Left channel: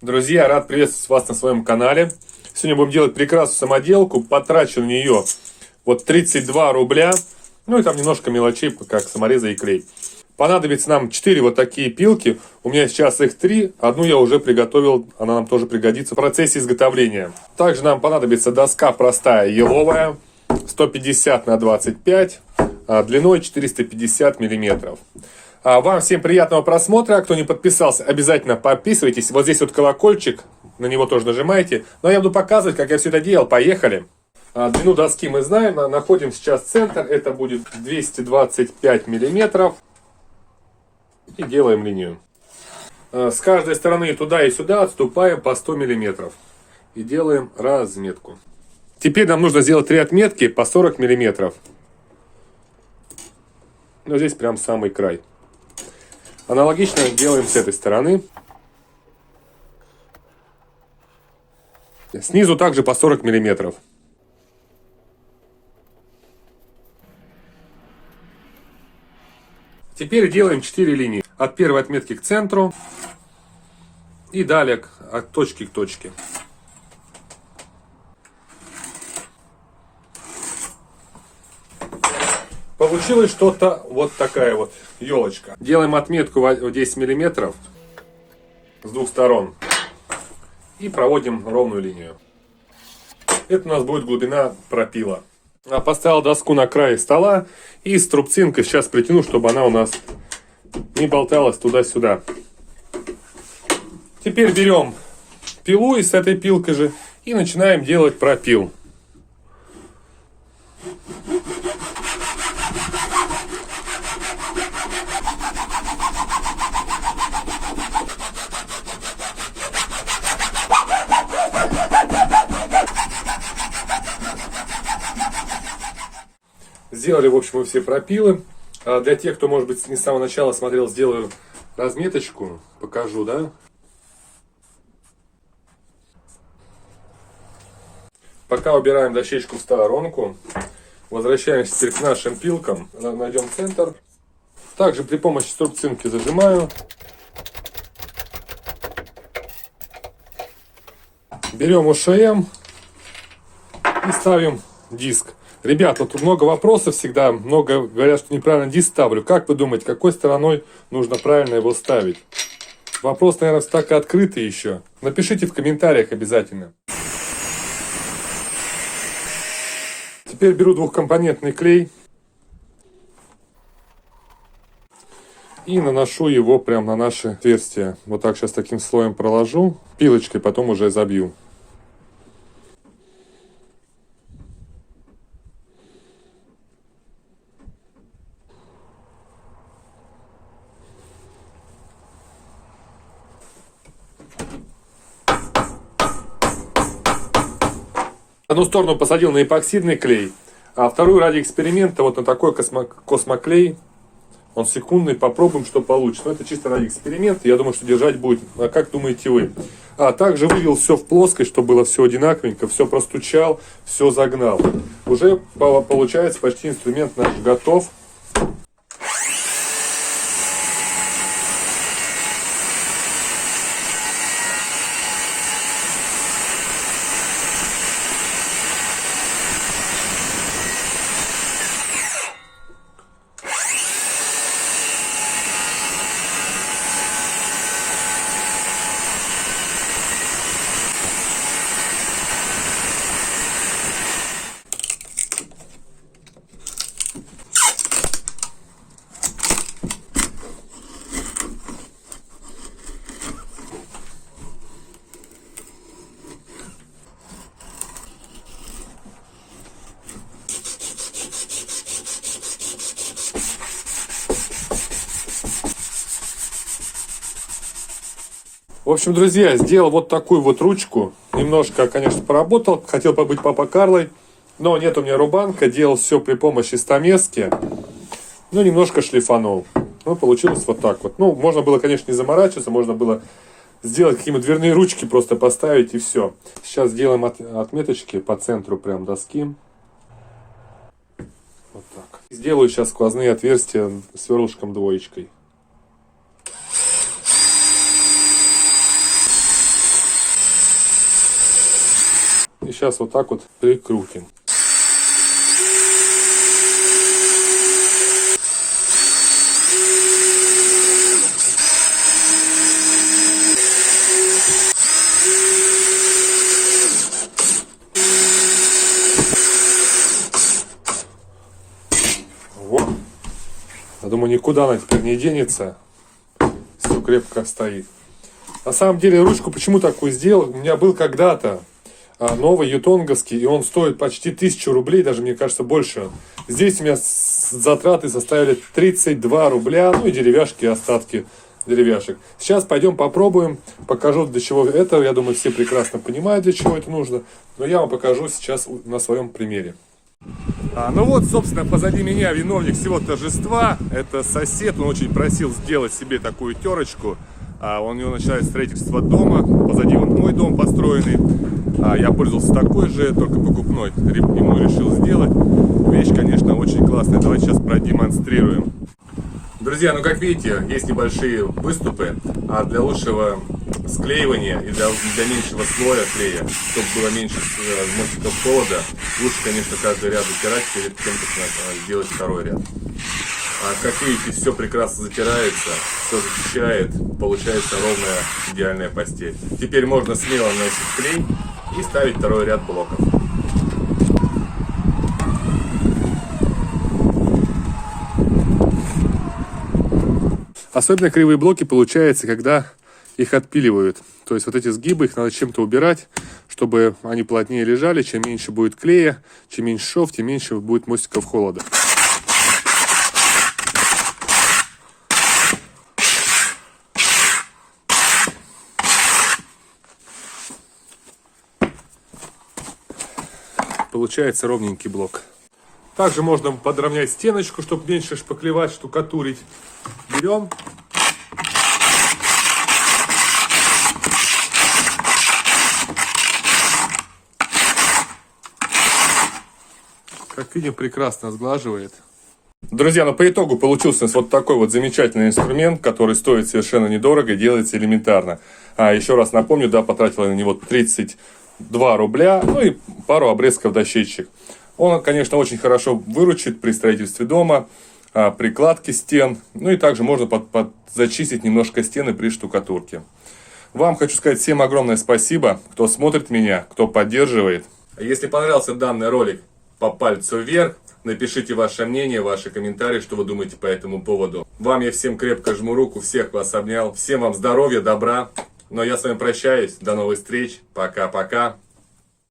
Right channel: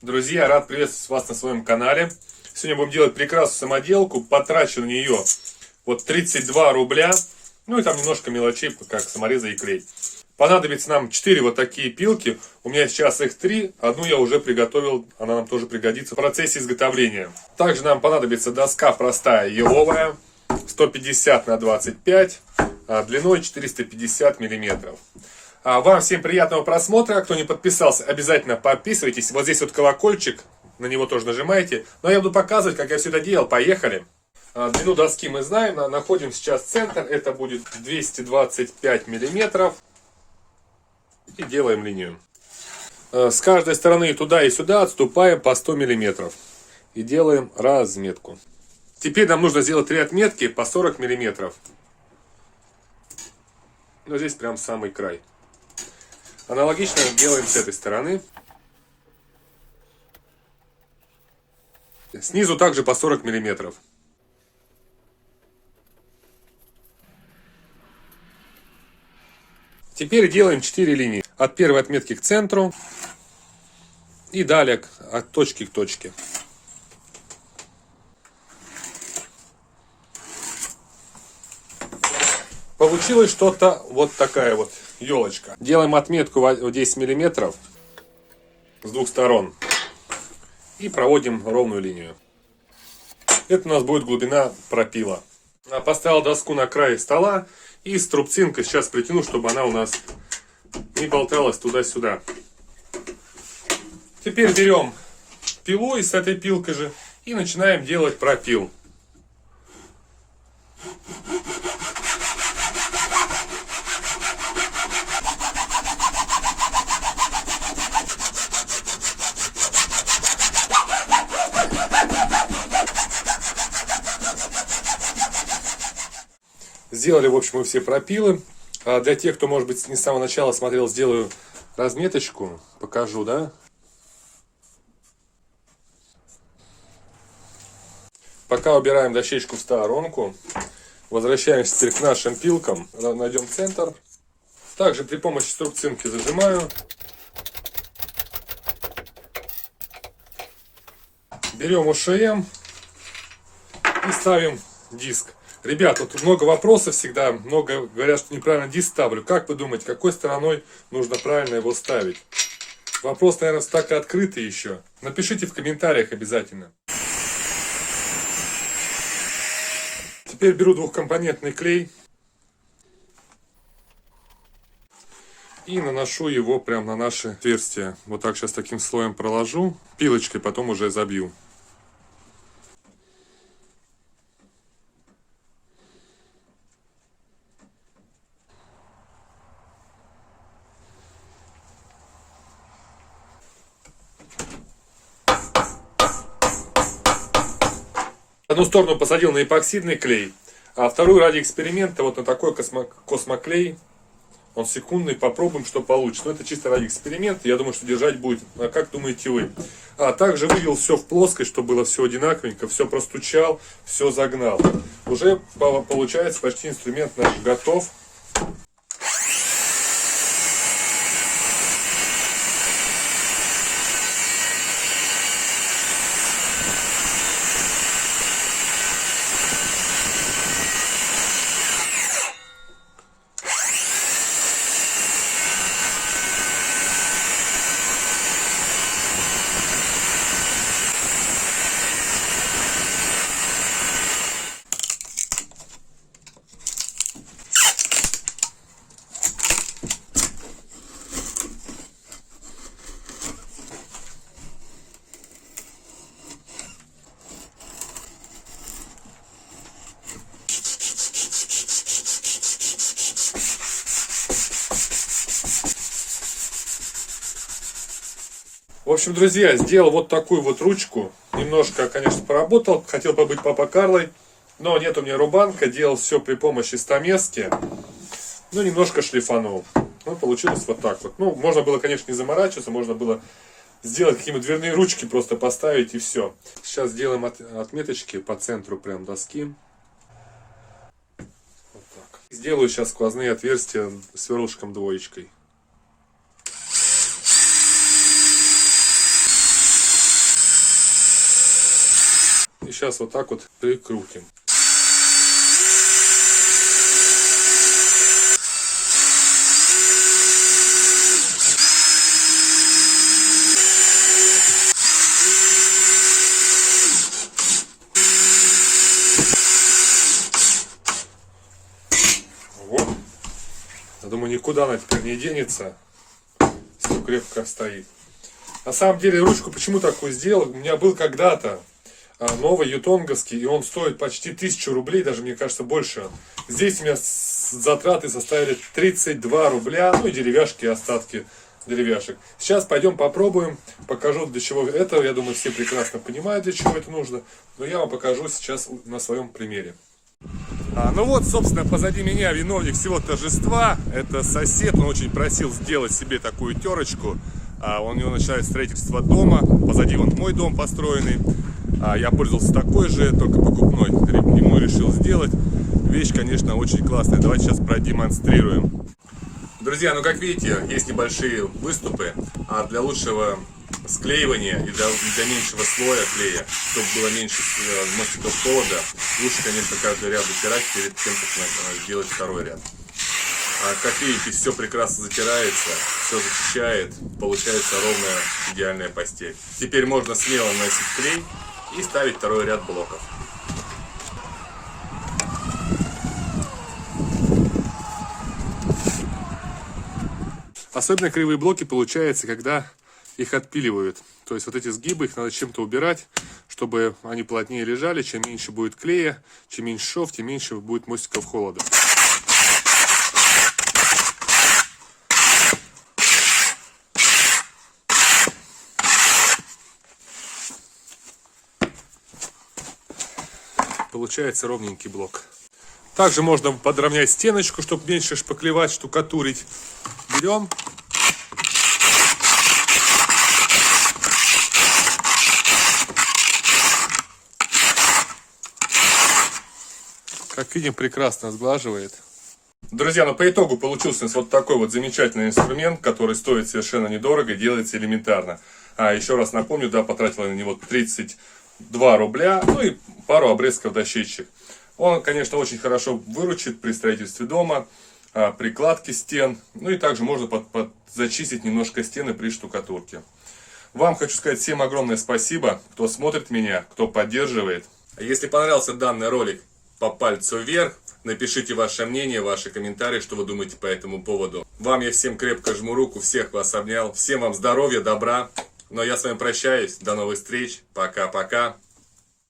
Друзья, рад приветствовать вас на своем канале. Сегодня будем делать прекрасную самоделку. Потрачу на нее вот 32 рубля. Ну и там немножко мелочей, как самореза и клей. Понадобится нам 4 вот такие пилки. У меня сейчас их 3. Одну я уже приготовил, она нам тоже пригодится в процессе изготовления. Также нам понадобится доска простая еловая, 150 на 25, длиной 450 миллиметров. Вам всем приятного просмотра. Кто не подписался, обязательно подписывайтесь. Вот здесь вот колокольчик, на него тоже нажимайте. Но я буду показывать, как я все это делал. Поехали. Длину доски мы знаем. Находим сейчас центр. Это будет 225 миллиметров. И делаем линию. С каждой стороны туда и сюда отступаем по 100 миллиметров. И делаем разметку. Теперь нам нужно сделать 3 отметки по 40 миллиметров. Но здесь прям самый край. Аналогично делаем с этой стороны. Снизу также по 40 миллиметров. Теперь делаем 4 линии. От первой отметки к центру. И далее от точки к точке. Получилось что-то вот такая вот елочка. Делаем отметку в 10 миллиметров с двух сторон. И проводим ровную линию. Это у нас будет глубина пропила. Поставил доску на край стола. И с трубцинкой сейчас притяну, чтобы она у нас не болталась туда-сюда. Теперь берем пилу и с этой пилкой же. И начинаем делать пропил. Сделали, в общем, мы все пропилы. Для тех, кто, может быть, не с самого начала смотрел, сделаю разметочку. Покажу, да? Пока убираем дощечку в сторонку. Возвращаемся теперь к нашим пилкам. Найдем центр. Также при помощи трубцинки зажимаю. Берем ОШМ и ставим диск. Ребят, вот много вопросов всегда, много говорят, что неправильно диск ставлю. Как вы думаете, какой стороной нужно правильно его ставить? Вопрос, наверное, так и открытый еще. Напишите в комментариях обязательно. Теперь беру двухкомпонентный клей. И наношу его прямо на наши отверстия. Вот так сейчас таким слоем проложу. Пилочкой потом уже забью. Одну сторону посадил на эпоксидный клей, а вторую ради эксперимента вот на такой космоклей. Он секундный, попробуем, что получится. Но это чисто ради эксперимента, я думаю, что держать будет. А как думаете вы? Также вывел все в плоскость, чтобы было все одинаковенько, все простучал, все загнал. Уже получается почти инструмент наш готов. В общем, друзья, сделал вот такую вот ручку. Немножко, конечно, поработал. Хотел побыть папа Карлой. Но нет у меня рубанка. Делал все при помощи стамески. Ну, немножко шлифанул. Ну, получилось вот так вот. Ну, можно было, конечно, не заморачиваться. Можно было сделать какие-нибудь дверные ручки. Просто поставить и все. Сейчас сделаем отметочки по центру прям доски. Вот так. Сделаю сейчас сквозные отверстия сверлышком двоечкой. сейчас вот так вот прикрутим. Вот. Я думаю, никуда она теперь не денется. Все крепко стоит. На самом деле, ручку почему такую сделал? У меня был когда-то новый ютонговский, и он стоит почти 1000 рублей, даже, мне кажется, больше. Здесь у меня затраты составили 32 рубля, ну и деревяшки, остатки деревяшек. Сейчас пойдем попробуем, покажу, для чего это. Я думаю, все прекрасно понимают, для чего это нужно. Но я вам покажу сейчас на своем примере. Ну вот, собственно, позади меня виновник всего торжества. Это сосед, он очень просил сделать себе такую терочку. У него начинает строительство дома. Позади вон мой дом построенный. Я пользовался такой же, только покупной. Ему решил сделать. Вещь, конечно, очень классная. Давайте сейчас продемонстрируем. Друзья, ну как видите, есть небольшие выступы. А для лучшего склеивания и для меньшего слоя клея, чтобы было меньше мостиков холода, лучше, конечно, каждый ряд затирать перед тем, как сделать второй ряд. Как видите, все прекрасно затирается, все защищает, получается ровная идеальная постель. Теперь можно смело наносить клей и ставить второй ряд блоков. Особенно кривые блоки получается, когда их отпиливают. То есть вот эти сгибы, их надо чем-то убирать, чтобы они плотнее лежали. Чем меньше будет клея, чем меньше шов, тем меньше будет мостиков холода. Получается ровненький блок. Также можно подровнять стеночку, чтобы меньше шпаклевать, штукатурить. Берем. Как видим, прекрасно сглаживает. Друзья, ну по итогу получился вот такой вот замечательный инструмент, который стоит совершенно недорого и делается элементарно. Еще раз напомню, да, потратил я на него 32 рубля, ну и пару обрезков дощечек. Он, конечно, очень хорошо выручит при строительстве дома, при кладке стен, ну и также можно зачистить немножко стены при штукатурке. Вам хочу сказать всем огромное спасибо, кто смотрит меня, кто поддерживает. Если понравился данный ролик, по пальцу вверх, напишите ваше мнение, ваши комментарии, что вы думаете по этому поводу. Вам я всем крепко жму руку, всех вас обнял, всем вам здоровья, добра. Но я с вами прощаюсь, до новых встреч, пока-пока.